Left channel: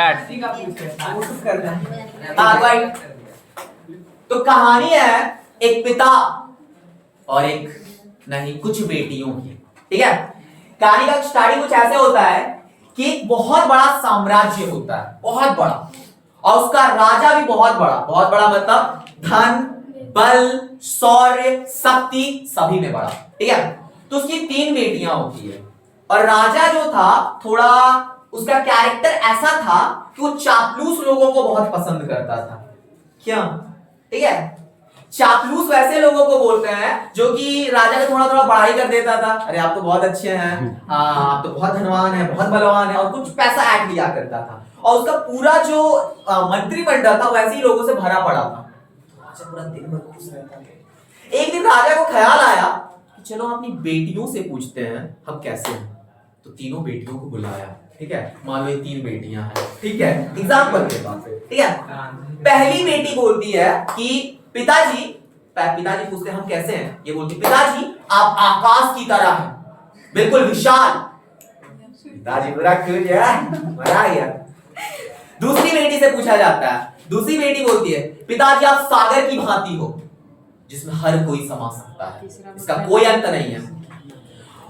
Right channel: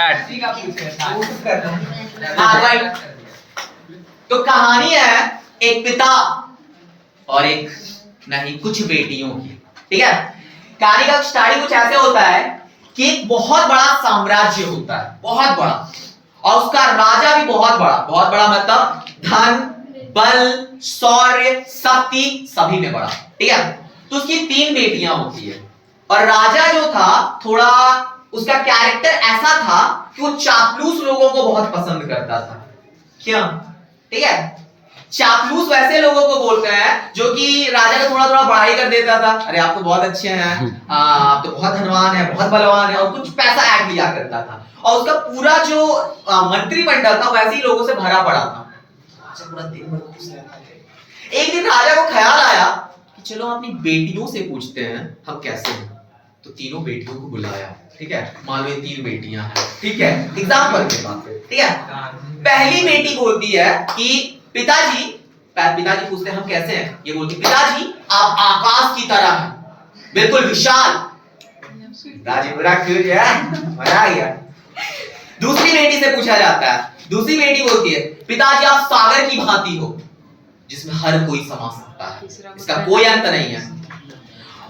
तो कहानी है एक पिता और एक नहीं कुछ बेटियों की। ठीक है, कहानी का स्टार्टिंग कुछ ऐसे होता है कि एक बहुत बड़ा साम्राज्य होता है, बहुत बड़ा, और उसका राजा भी बहुत बड़ा मतलब धन बल शौर्य शक्ति सभी में बड़ा। ठीक है, तो उसकी 3 बेटियां होती है और राजा जो था थोड़ा उसका कैरेक्टर ऐसा था कि वो चापलूस लोगों को बहुत पसंद करता था। क्यों? ठीक है, चापलूस वैसे लोगों को बोलते हैं जो कि राजा को थोड़ा बड़ाई कर देता था। अरे आप तो बहुत अच्छे हैं, आप तो बहुत धनवान है, बहुत बलवान है, और कुछ पैसा ऐड लिया करता था। और उसका पूरा जो मंत्रिमंडल था वैसे ही लोगों से भरा पड़ा था। राजा पूरा दिन भर खुश रहता था। एक दिन राजा को ख्याल आया कि चलो अपनी बेटियों से पूछते हैं हम कैसे हैं। तो तीनों बेटियों को बुलाया। ठीक है, मान लो ये 3 बेटियां हैं। ठीक है, एग्जाम्पल के बात पे। ठीक है, पहली बेटी बोलती है कि पिताजी पूछते हैं हम कैसे हैं। ये बोलती पिताजी आप आकाश की तरह हैं, बिल्कुल विशाल। पिताजी पूरा खुश है, मजा आ गया। दूसरी बेटी से पूछा जाता है, दूसरी बेटी बोलती है पिताजी आप सागर की भांति हो, जिसमें हर कोई समा सकता है, इसका कोई अंत नहीं है।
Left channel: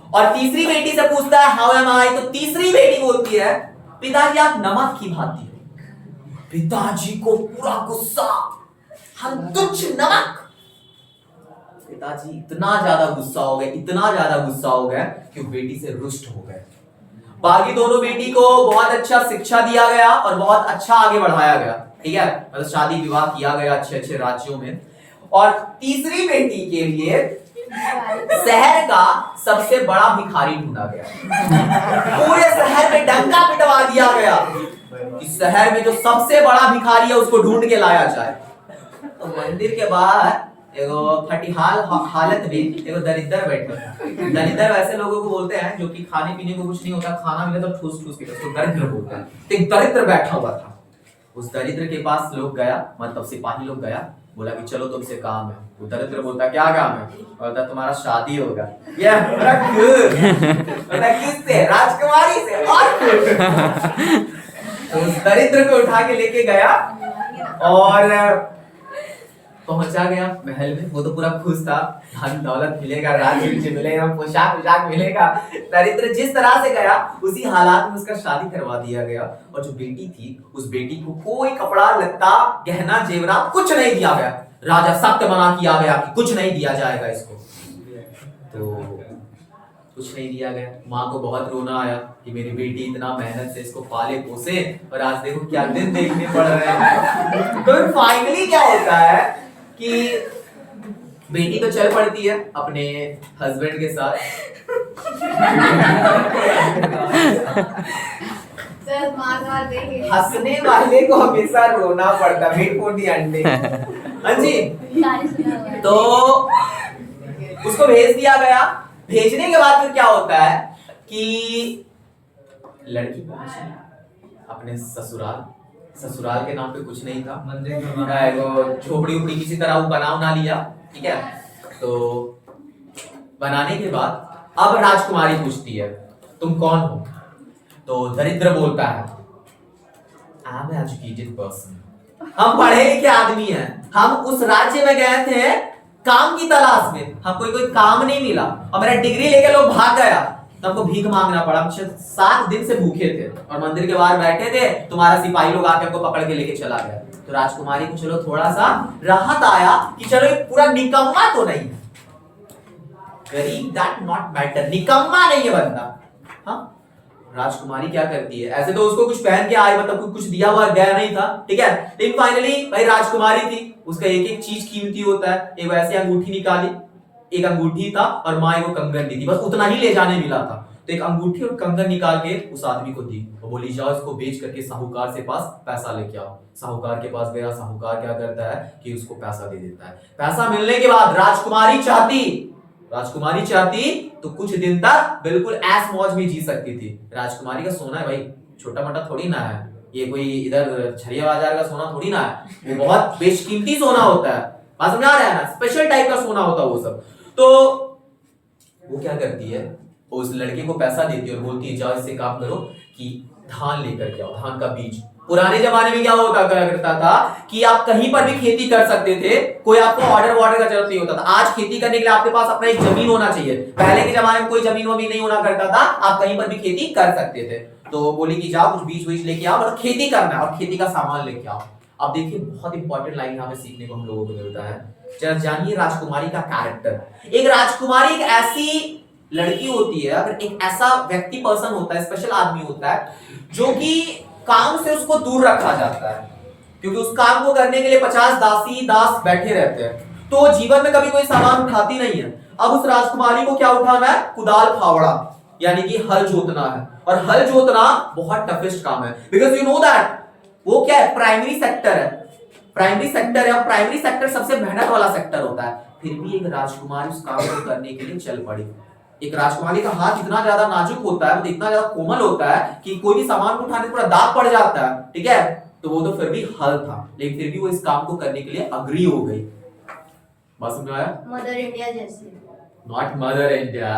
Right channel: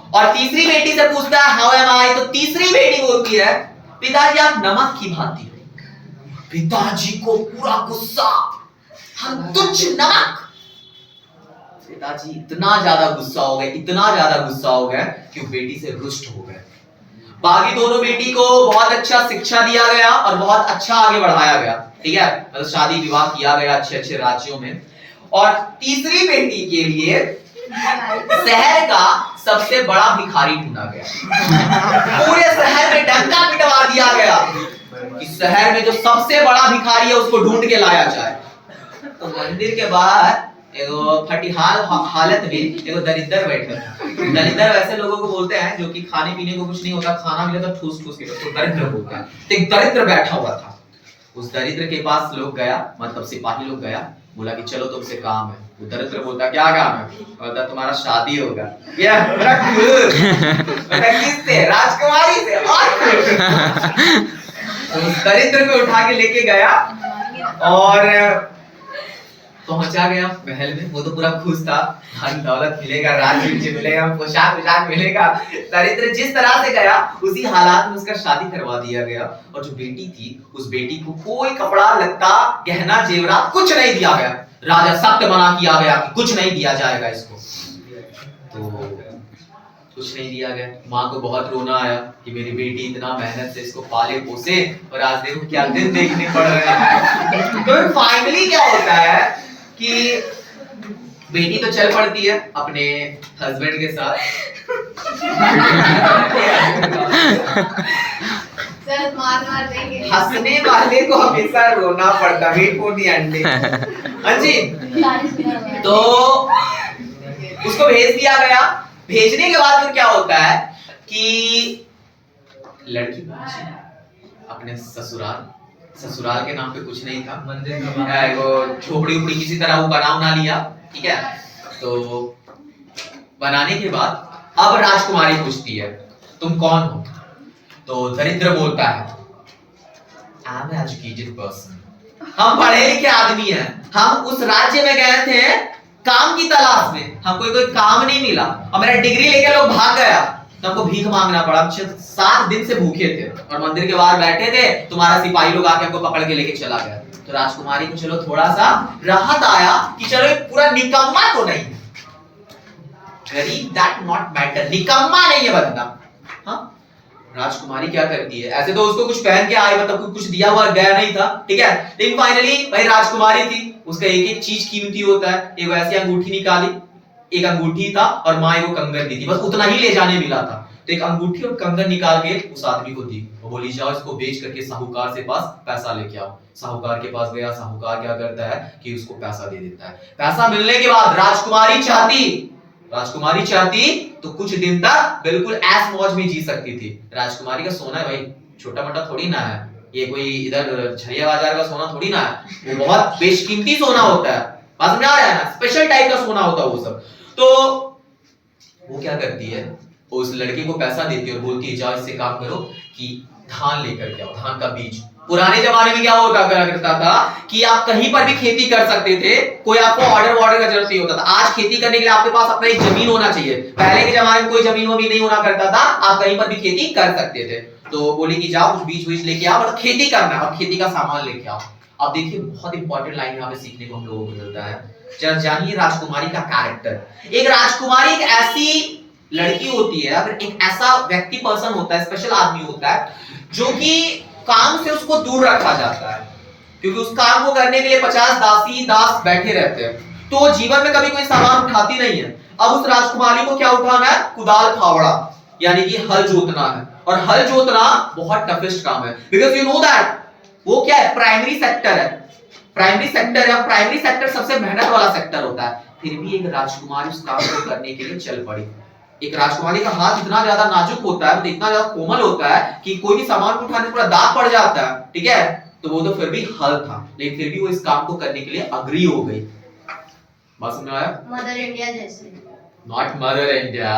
और तीसरी बेटी से पूछता है हाउ एम आई, तो तीसरी बेटी बोलती है पिताजी आप नमक की भांति हो। पिताजी को पूरा गुस्सा, हम तुच्छ नमक। पिताजी इतना ज्यादा गुस्सा हो गए, इतना ज्यादा गुस्सा हो गए कि बेटी से रुष्ट हो गए। बाकी दोनों बेटी को बहुत अच्छा शिक्षा दिया गया और बहुत अच्छा आगे बढ़ाया गया। ठीक है, मतलब शादी विवाह किया गया अच्छे राज्यों में। और तीसरी बेटी के लिए शहर का सबसे बड़ा भिखारी ढूंढा गया। पूरे शहर में डंका पिटवा दिया गया कि शहर में जो सबसे बड़ा भिखारी है उसको ढूंढ के लाया जाए। तो मंदिर के बाहर एगो फटिहाल हालत में एगो दरिद्र बैठा था। दरिद्र वैसे लोगों को बोलते हैं जो कि खाने पीने को कुछ नहीं होता, खाना मिले तो ठूस ठूस के, तो दरिद्र बोलते हैं। तो एक दरिद्र बैठा हुआ था। उस दरिद्र के पास लोग गया, मतलब सिपाही लोग गया, बोला कि चलो तुमसे काम है। वो दरिद्र बोलता क्या काम है? बोलता तुम्हारा शादी होगा। किससे? राजकुमारी से। तो उस दरिद्र को उठा के लेके गया और पहुंचा गया महल में। वो तो पूरा खुश था, धन दौलत मिलेगा, राज्य मिलेगा, पोशाक मिलेगा। दरिद्र जिस तरह से गया उसी हालात में उसका शादी करवा दिया गया। और जो बेटी थी उस बेटी को कोई कपड़ा लत्ता गहना जेवरात कुछ नहीं दिया गया। राजा सख्त मना किया गया कि कुछ नहीं दिया जाएगा इसको। तो कुछ नहीं दिया गया। माँ को बहुत रोना आया कि मेरी बेटी इतना मेहनत से इसको पाले पोसे और आज देखो क्या दिन देखने पड़ रहे हैं। तो फाइनली क्या होता है कि बेटी तो चल पड़ती है अपने हस्बैंड के साथ। हंसने वाले को हमेशा रोना पड़ता, वेट फॉर द एंडिंग। हाँ जी, तो उसको भेज दिया गया। भेजने के बाद फिर क्या होता है कि लड़की पहुंची अपने ससुराल के नाम पे कुछ नहीं था, वो झोपड़ी उपड़ी किसी तरह वो बना लिया। ठीक है, तो बनाने के बाद अब राजकुमारी पूछती है तुम कौन हो? तो दरिद्र बोलता है आई एम एजुकेटेड पर्सन, हम पढ़े लिखे आदमी हैं, हम उस राज्य में गए थे काम की तलाश में, हमको कोई काम नहीं मिला और मेरा डिग्री लेके लोग भाग गया, तो हमको भीख मांगना पड़ा। हम 7 दिन से भूखे थे और मंदिर के बाहर बैठे थे, तुम्हारा सिपाही लोग आके हमको पकड़ के लेके चला गया। तो राजकुमारी को चलो थोड़ा सा राहत आया कि चलो एक पूरा निकम्मा तो नहीं, गरीब दैट नॉट मैटर, निकम्मा नहीं है बंदा। हाँ, राजकुमारी क्या करती है, ऐसे तो उसको कुछ पहन के आई, मतलब कुछ दिया हुआ गया नहीं था। ठीक है, लेकिन फाइनली भाई राजकुमारी थी, उसका एक एक चीज कीमती होता है। एक वैसी अंगूठी निकाली, एक अंगूठी था और माँ को कंगन दी थी, बस उतना ही ले जाने मिला था। तो एक अंगूठी और कंगन निकाल के उस आदमी को दी और बोली जाओ इसको बेच करके साहूकार से पास पैसा लेके आओ। साहूकार के पास गया, साहूकार क्या करता है कि उसको पैसा दे देता है। पैसा मिलने के बाद राजकुमारी चाहती तो कुछ दिन तक बिल्कुल ऐश मौज में जी सकती थी। राजकुमारी का सोना है भाई, छोटा मोटा थोड़ी ना है, ये कोई इधर झरिया बाजार का सोना थोड़ी ना है, वो बहुत बेशकीमती सोना होता है, बात समझ आ रहा है ना, स्पेशल टाइप का सोना होता है वो सब। तो वो क्या करती है, उस लड़के को पैसा देती है और बोलती है जाओ इससे काम करो कि धान लेकर के आओ, धान का बीज। पुराने जमाने में क्या होता करता था कि आप कहीं पर भी खेती कर सकते थे, कोई आपको ऑर्डर वॉर्डर का जरूरत नहीं होता था। आज खेती करने के लिए आपके पास अपना एक जमीन होना चाहिए। पहले के जमाने में कोई जमीन वमीन नहीं होना करता था, आप कहीं पर भी खेती कर सकते थे। तो बोली कि जाओ कुछ बीज बीज लेके आओ, मतलब खेती करना है और खेती का सामान लेके आओ। अब देखिए बहुत इंपॉर्टेंट लाइन यहाँ पे सीखने को हम लोगों को मिलता है। जरा जानिए राजकुमारी का कैरेक्टर। एक राजकुमारी एक ऐसी लड़की होती है, अगर एक ऐसा व्यक्ति पर्सन होता है, स्पेशल आदमी होता है, जो कि काम से उसको दूर रखा जाता है, क्योंकि उस काम को करने के लिए 50 दासी दास बैठे रहते हैं, तो जीवन में कभी कोई सामान उठाती नहीं है। अब उस राजकुमारी को क्या उठाना है? कुदाल फावड़ा, यानी कि हल जोतना है। और हल जोतना बहुत टफेस्ट काम है, बिकॉज यू नो दैट वो क्या है? प्राइमरी सेक्टर है। प्राइमरी सेक्टर है, प्राइमरी सेक्टर सबसे मेहनत वाला सेक्टर होता है। फिर भी एक राजकुमारी उस काम को करने के लिए चल पड़ी। एक राजकुमारी का हाथ इतना ज्यादा नाजुक होता है, इतना ज्यादा कोमल होता है कि कोई भी सामान को उठाने पूरा दाग पड़ जाता है, ठीक है? तो वो तो फिर भी हल था, लेकिन फिर भी वो इस काम को करने के लिए अग्री हो गई। बात समझ में आया? मदर इंडिया जैसे। Not mother India.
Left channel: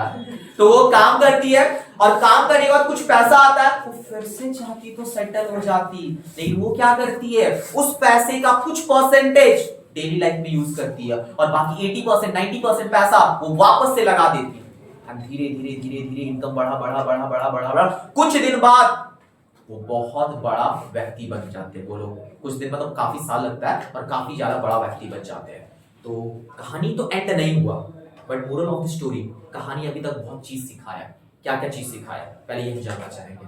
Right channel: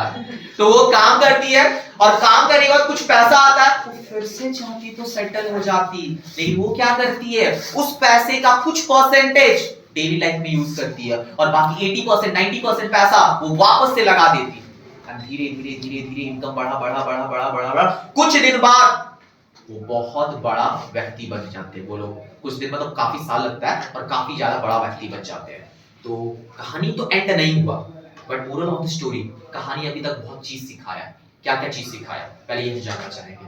तो वो काम करती है और काम करने के बाद कुछ पैसा आता है, वो फिर से चाहती तो सेटल हो जाती, लेकिन वो क्या करती है? उस पैसे का कुछ परसेंटेज डेली लाइफ में यूज करती है और बाकी 80% 90% पैसा वो वापस से लगा देती है। धीरे धीरे धीरे धीरे इनकम बढ़ा। कुछ दिन बाद वो बहुत बड़ा व्यक्ति बन जाते हैं। वो लोग कुछ दिन मतलब काफी साल लगता है और काफी ज्यादा बड़ा व्यक्ति बन जाते हैं। तो कहानी तो एंड नहीं हुआ, but moral of the story, कहानी अभी तक बहुत चीज सिखाया। क्या क्या चीज सिखाया, पहले ये जानना चाहेंगे।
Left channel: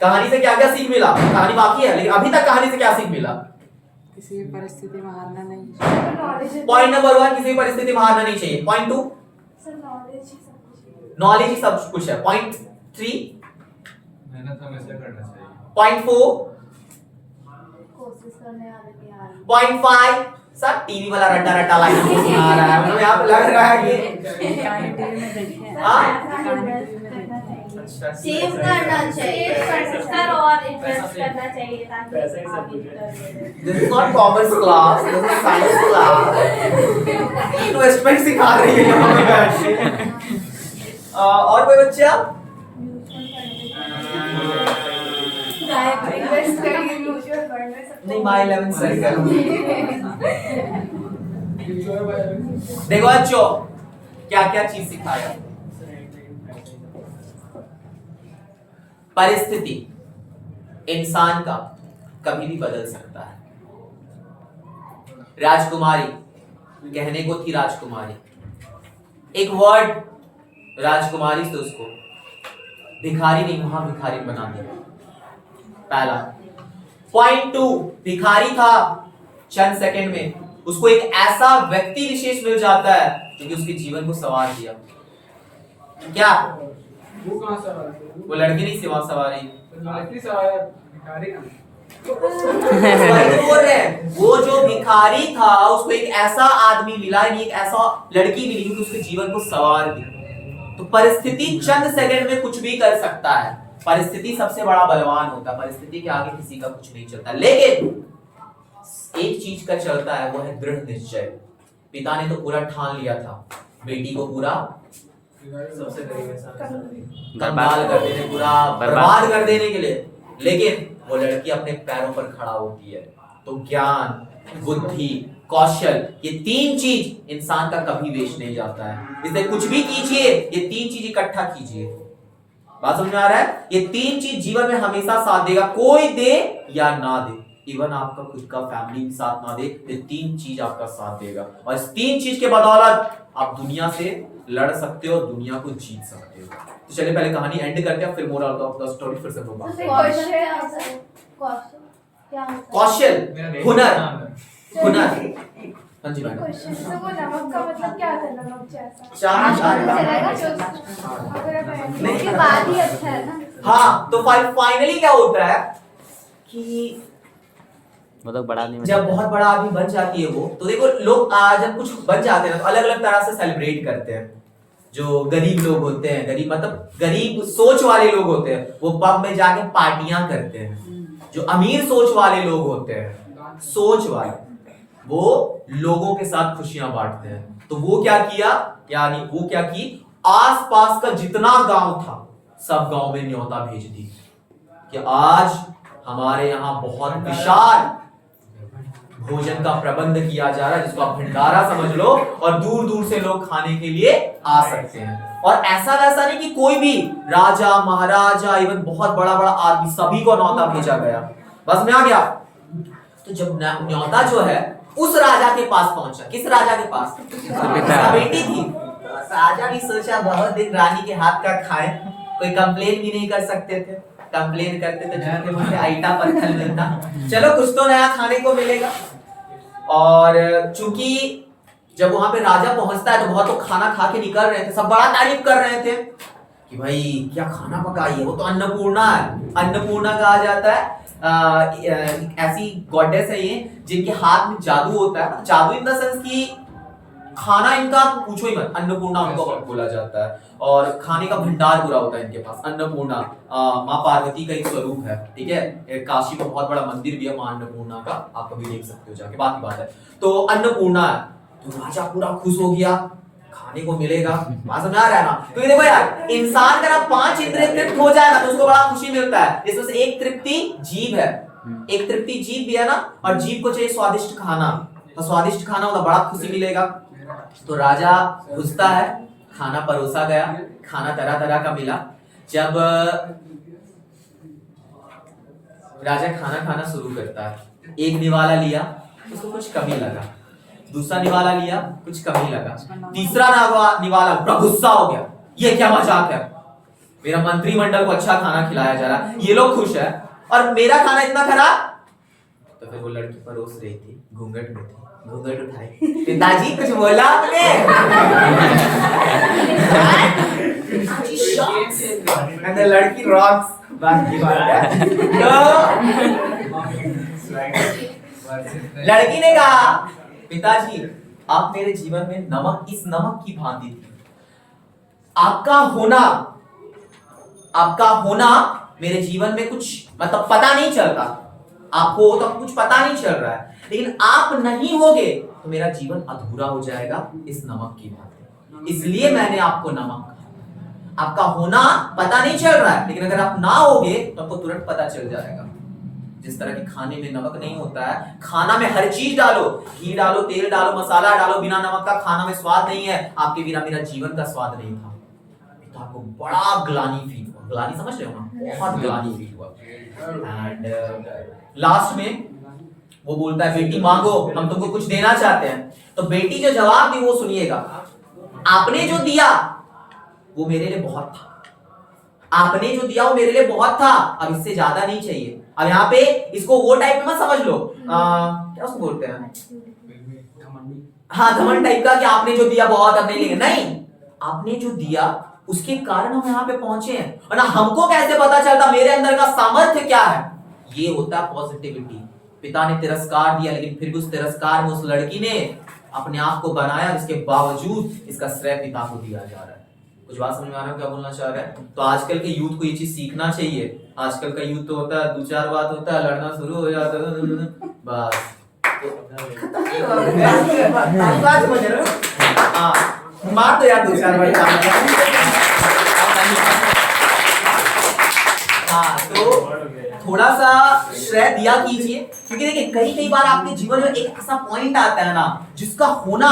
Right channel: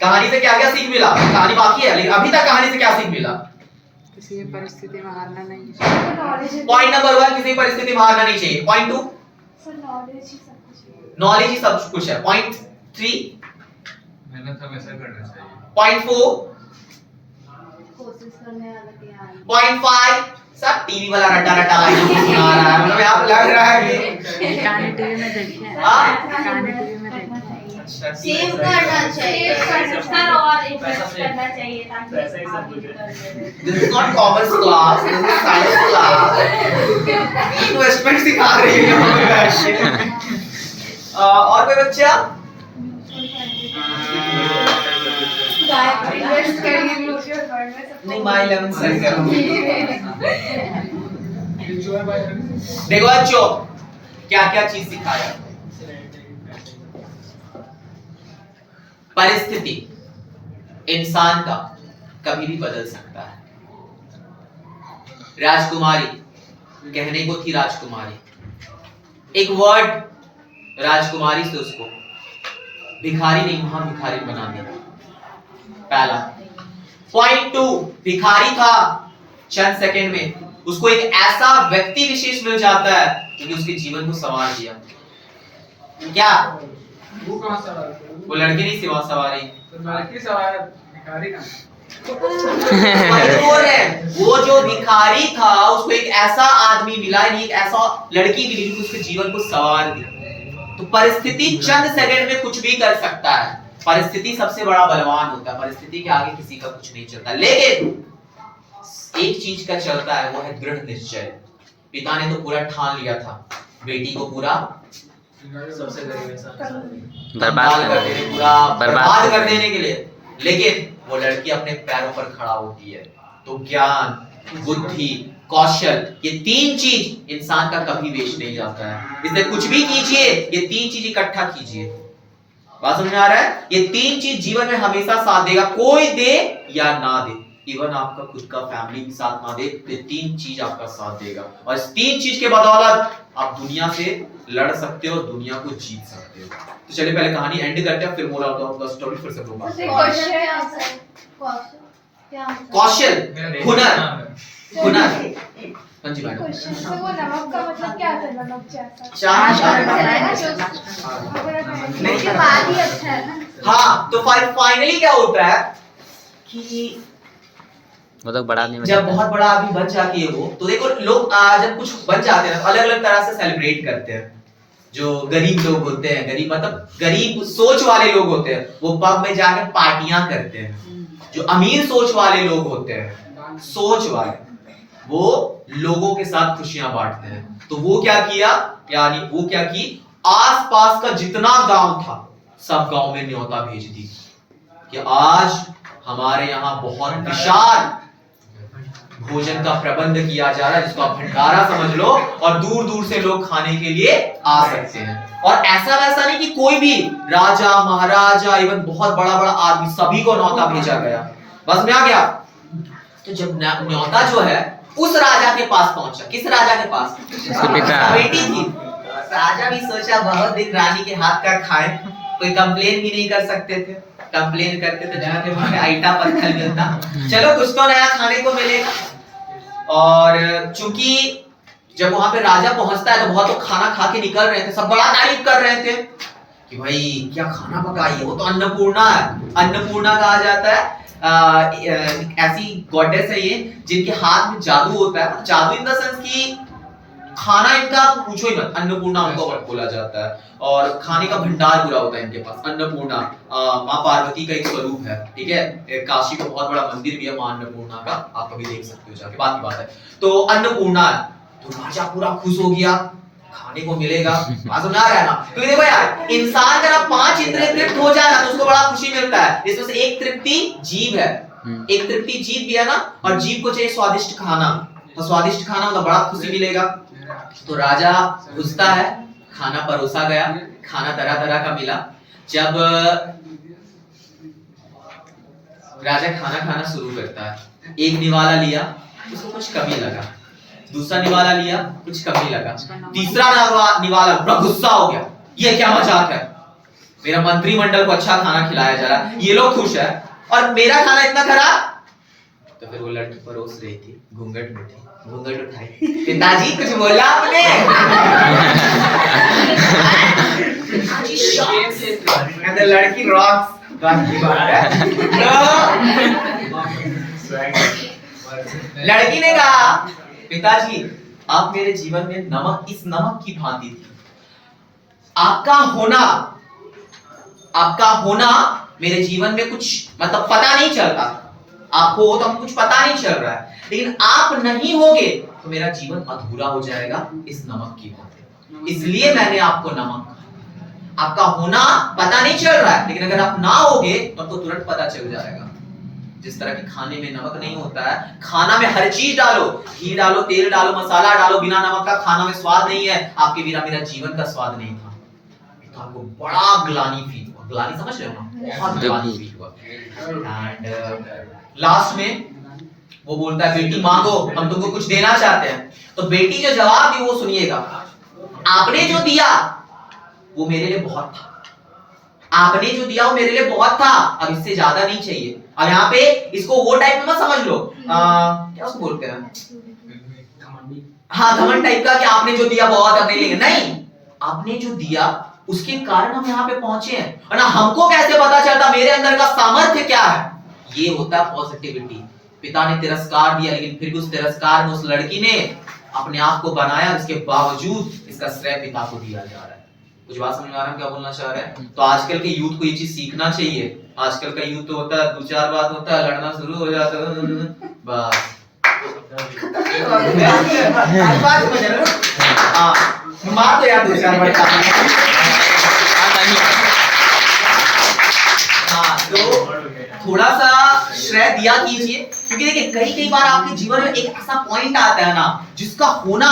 कहानी से क्या क्या सीख मिला? कहानी बाकी है, लेकिन अभी तक कहानी से क्या सीख मिला? किसी भी परिस्थिति में हारना नहीं चाहिए। पॉइंट नंबर 1, किसी भी परिस्थिति में हारना नहीं चाहिए। पॉइंट 2, नॉलेज ही सब कुछ है। पॉइंट 3, मेहनत हमेशा करना चाहिए। पॉइंट 4, कोशिश करने वाले। पॉइंट 5, सब टीवी वाला रट्टा रट्टा लाइन सुना रहा है, मतलब यहाँ पे लग रहा है कि कहानी टीवी में देखते हैं। हाँ? कहानी टीवी में देखते हैं। सेव करना चाहिए सर, और इन्वेस्ट करना चाहिए ताकि पैसा ही सब आगे कुछ है। कर This is not commerce class, this is science class. Investment सिखा रही है हमें। और कोई बच्चा? इन्वेस्ट करिए म्यूचुअल फंड में। नहीं, माई 11 सर्कल। देखो बच्चों, क्या क्या चीज सिखाया। परिस्थिति इंसान का कभी भी बदल सकता है। राजकुमारी कहने को थी राजकुमारी, एक वर्ड राजकुमारी से उसको भिखारी नहीं वहां भिखारी बना दिया। पहला। पॉइंट 2, भिखारी था, चंद सेकंड में उसको एक ऐसा व्यक्ति विशेष मिल जाता है जो कि उसके जीवन को संवार दिया। क्या वो कहाँ सवारी? वो लड़की नहीं सिवा सवारी, लड़की सवारी, भिखारी ना। वो जो भिखारी था उसको एक ऐसा आदमी मिला, एक ऐसा लड़की मिली जो उसके जीवन को संवार दी। तो परिस्थिति चंद सेकंड में कुछ भी कर सकता है। परिस्थिति सबसे बड़ा बलवान होता है, परिस्थिति के आगे किसी का कुछ नहीं चलता। लेकिन एक चीज का चलता है, वो है दृढ़ निश्चय। पिता ने तो पूरा ठान लिया था बेटी को पूरा सबसे गरीब इंसान बर्बाद कर देने, पूरा बर्बाद कर देने के लिए, लेकिन वो लड़की अपने पैरों पर खड़ा होती है। तो ज्ञान, बुद्धि, कौशल, ये 3 चीज इंसान का कभी वेस्ट नहीं जाता है। इसलिए कुछ भी कीजिए, ये 3 चीज इकट्ठा कीजिए। बात समझ में आ रहा है? ये 3 चीज जीवन में हमेशा साथ देगा, कोई दे या ना दे। इवन आपका खुद का फैमिली साथ ना दे, ये 3 चीज आपका साथ देगा। और इस 3 चीज के बदौलत आप दुनिया से लड़ सकते हो, दुनिया को जीत सकते हो। तो चलिए पहले कहानी एंड करते हैं, फिर मोरल ऑफ द स्टोरी फिर से बोलूंगा। कौशल, हुनर, हुनर। हाँ जी मैडम। तो वो नमक का मतलब क्या था? नमक जैसा नहीं, बात ही अच्छा है ना। हाँ, तो फाइनली क्या होता है कि वो तो बड़ा आदमी जब बहुत बड़ा आदमी बन जाती है वो, तो देखो लोग जब कुछ बन जाते हैं तो अलग अलग तरह से सेलिब्रेट करते हैं। जो गरीब लोग होते हैं, गरीब मतलब गरीब सोच वाले लोग होते हैं, वो पब में जाकर पार्टियां करते हैं। जो अमीर सोच वाले लोग होते हैं, सोच वाले, वो लोगों के साथ खुशियां बांटते हैं। तो वो क्या किया, यानी वो क्या की, आसपास का जितना गांव था सब गांव में न्योता भेज दी कि आज हमारे यहाँ बहुत विशाल भोजन का प्रबंध किया जा रहा है, जिसको आप भंडारा समझ लो, और दूर दूर से लोग खाने के लिए आ सकते हैं। और ऐसा वैसा नहीं कि कोई भी राजा महाराजा इवन बहुत बड़ा बड़ा आदमी, सभी को न्योता भेजा गया। बस में आ गया। तो जब न्योता जो है उस राजा के पास पहुंचा, किस राजा के पास? बेटी थी। राजा भी सोचा बहुत दिन रानी के हाथ का खाए, कोई कंप्लेन भी नहीं कर सकते थे, कंप्लेन करते तो जाके मुझे आईटा पत्थर मिलता, चलो कुछ तो नया खाने को मिलेगा। और चूंकि जब वहां पे राजा पहुंचता है तो बहुत लोग खाना खा के निकल रहे थे, सब बड़ा तारीफ कर रहे थे कि भाई क्या खाना पकाई है, वो तो अन्नपूर्णा है। अन्नपूर्णा कहा जाता है ऐसी गॉडेस है ये जिनके हाथ में जादू होता है, जादू इन द सेंस की खाना इनका पूछो ही मत, अन्नपूर्णा उनको बोला जाता है। और खाने का भंडार पूरा होता है इनके पास। अन्नपूर्णा माँ पार्वती का एक स्वरूप है, ठीक है। काशी का बहुत बड़ा मंदिर भी है माँ अन्नपूर्णा का, आप कभी देख सकते हो जाके, बात की बात है। तो अन्नपूर्णा है, तो राजा पूरा खुश हो गया, खाने को मिलेगा। बात समझ आ रहा है ना? तो देखो यार, इंसान अगर आप 5 इंद्रिय तृप्त हो जाए ना तो उसको बड़ा खुशी मिलता है। इसमें से एक तृप्ति जीभ है, एक तृप्ति जीभ भी है ना, और जीभ को चाहिए स्वादिष्ट खाना, तो स्वादिष्ट खाना मतलब बड़ा खुशी मिलेगा। तो राजा घुसता है, खाना परोसा गया, खाना तरह तरह का मिला। जब राजा खाना खाना शुरू करता है, एक निवाला लिया, उसको कुछ कमी लगा, दूसरा निवाला लिया, कुछ कमी लगा, तीसरा निवाला बड़ा गुस्सा हो गया, ये क्या मजाक है, मेरा मंत्रिमंडल को अच्छा खाना खिलाया जा रहा, ये लोग खुश है और मेरा खाना इतना खराब। तो फिर वो लड़की परोस रही थी, घूंघट में थी, घूंघट उठाई, पिताजी कुछ बोला आपने? लड़की रॉक्स, लड़की ने कहा पिताजी आप मेरे जीवन में नमक, इस नमक की भांति थी, आपका होना मेरे जीवन में कुछ मतलब पता नहीं चलता, आपको हो तो कुछ पता नहीं चल रहा है, लेकिन आप नहीं होगे तो मेरा जीवन अधूरा हो जाएगा इस नमक की भांति, इसलिए मैंने आपको नमक कहा। आपका होना पता नहीं चल रहा है, लेकिन अगर आप ना होगे तो आपको तुरंत पता चल जाएगा। जिस तरह की खाने में नमक नहीं होता है, खाना में हर चीज डालो, घी डालो, तेल डालो, मसाला डालो, बिना नमक का खाना में स्वाद नहीं है, आपके बिना मेरा जीवन का स्वाद नहीं था। तो आपको बड़ा ग्लानि फील हुआ, ग्लानि समझ रहे हो ना, बहुत ग्लानि फील हुआ। एंड लास्ट में वो बोलता है बेटी मांगो, हम तुमको कुछ देना चाहते हैं। तो बेटी जो जवाब दी वो सुनिएगा, आपने जो दिया वो मेरे लिए बहुत था, आपने जो दिया वो मेरे लिए बहुत था, अब इससे ज्यादा नहीं चाहिए। अब यहाँ पे इसको वो टाइप में मत समझ लो, क्या उसको बोलते हैं, हाँ घमंड टाइप का, कि आपने जो दिया बहुत अपने लिए, नहीं, आपने जो दिया उसके कारण हम यहाँ पे पहुंचे हैं, और ना हमको कैसे पता चलता मेरे अंदर का सामर्थ्य क्या है, ये होता है पॉजिटिविटी। पिता ने तिरस्कार दिया, लेकिन फिर भी उस तिरस्कार में उस लड़की ने अपने आप को बनाया, इसके बावजूद इसका श्रेय पिता को दिया जा रहा है। कुछ बात समझ आ रहा है क्या बोलना चाह रहे हैं? तो आजकल के यूथ को ये चीज सीखना चाहिए। आजकल का यूथ तो होता है 2-4 बात होता है, लड़ना शुरू हो जाता है, बस मार तो यार 2-4 बार। हाँ, तो थोड़ा सा श्रेय दिया कीजिए, क्योंकि देखिए कई बार आपके जीवन में एक ऐसा पॉइंट आता है ना, जिसका होना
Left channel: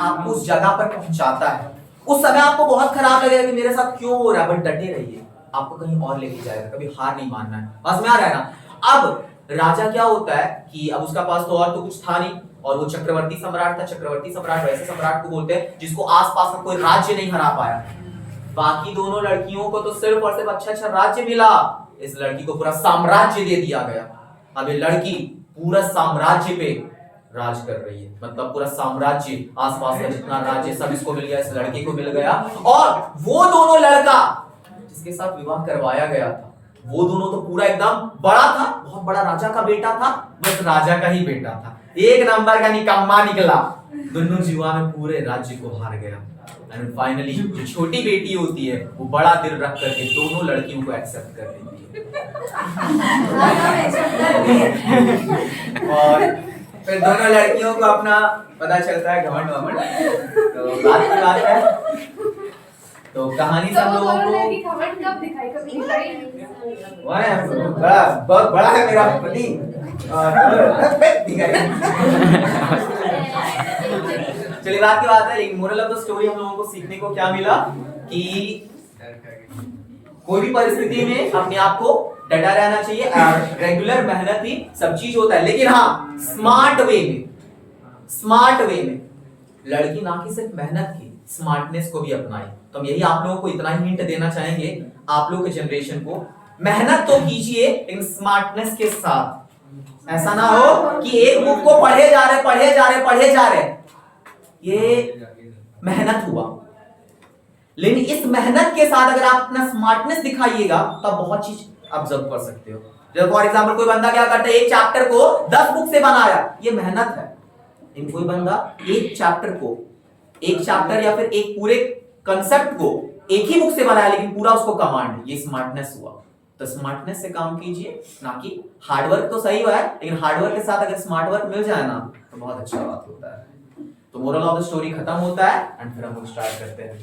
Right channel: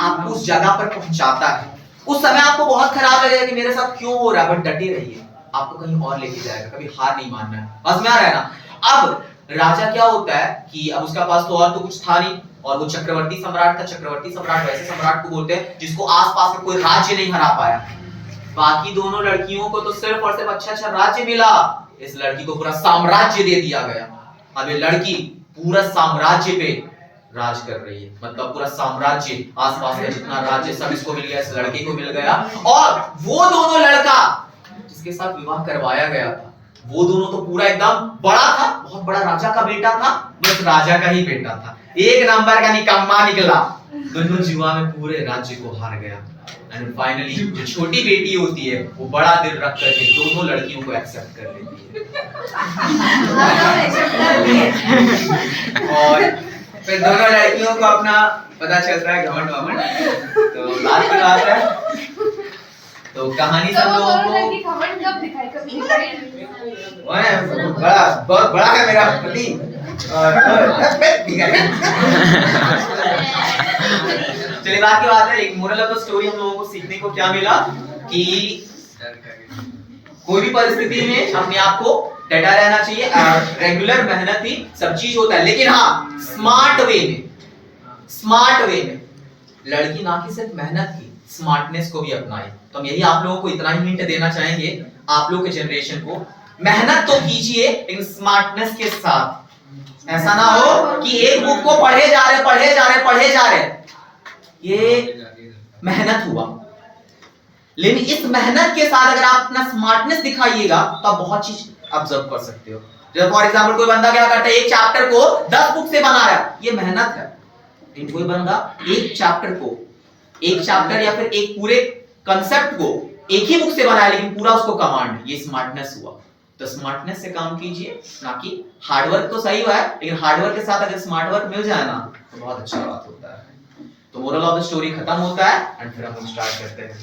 आपको उस जगह पर पहुंचाता है। उस समय आपको बहुत खराब लगेगा कि मेरे साथ क्यों हो रहा है, बट डटे रहिए, आपको कहीं और लेके जाएगा, कभी हार नहीं मानना है। बस में आ रहा है ना। अब राजा क्या होता है कि अब उसका पास तो और तो कुछ था नहीं, और वो चक्रवर्ती सम्राट था। चक्रवर्ती सम्राट वैसे सम्राट को बोलते हैं जिसको आसपास में कोई राज्य नहीं हरा पाया। बाकी दोनों लड़कियों को तो सिर्फ और सिर्फ अच्छा राज्य मिला, इस लड़की को पूरा साम्राज्य दे दिया गया। अब ये लड़की पूरा साम्राज्य पे राज कर रही है, मतलब पूरा साम्राज्य, आसपास का जितना राज्य सब इसको मिल गया, इस लड़की को मिल गया। और वो दोनों लड़का जिसके साथ विवाह करवाया गया था, वो दोनों तो पूरा एकदम बड़ा था, बहुत बड़ा राजा का बेटा था, बस राजा का ही बेटा था, एक नंबर का निकम्मा निकला, दोनों जुआ में पूरे राज्य को हार गया। एंड फाइनली जो छोटी बेटी होती है वो बड़ा दिल रख करके दोनों लड़कियों को एक्सेप्ट कर लेती है। और फिर दोनों लड़कियों को अपना पता चलता है घमंड वमंड। तो बात की बात है तो कहानी से हम लोगों को खबर कब दिखाई कभी दिखाई बहुत बड़ा है मेरा पति चलिए बात की बात है, एक मोरल ऑफ द स्टोरी हम लोगों को सीखने को क्या मिला कि कोई भी परिस्थिति में अपने आप को डटा रहना चाहिए। रेगुलर मेहनत ही सब चीज होता है, लेकिन हाँ स्मार्ट वे में लड़की ना कि सिर्फ मेहनत की स्मार्टनेस को भी अपनाए। तो हम यही आप लोगों को इतना ही हिंट देना चाहेंगे, आप लोग के जनरेशन को, मेहनत तो कीजिए लेकिन स्मार्टनेस के साथ। ऐसा ना हो कि एक बुक को पढ़े जा रहे, ये मेहनत हुआ, लेकिन इस मेहनत के साथ अगर आप अपना स्मार्टनेस दिखाइएगा तो आप बहुत चीज ऑब्जर्व कर सकते हो। जब फॉर एग्जांपल कोई बंदा क्या करता है, एक चैप्टर को 10 बुक से बना रहा है, ये मेहनत है। लेकिन कोई बंदा एक चैप्टर या फिर एक पूरे कंसेप्ट को एक ही बुक से बनाया लेकिन पूरा उसको कमांड, ये स्मार्टनेस हुआ। तो स्मार्टनेस से काम कीजिए, ना कि हार्डवर्क तो सही हुआ है, लेकिन हार्डवर्क के साथ अगर स्मार्ट वर्क मिल जाए ना तो बहुत अच्छा बात होता है। तो मोरल ऑफ द स्टोरी खत्म होता है एंड फिर हम स्टार्ट करते हैं।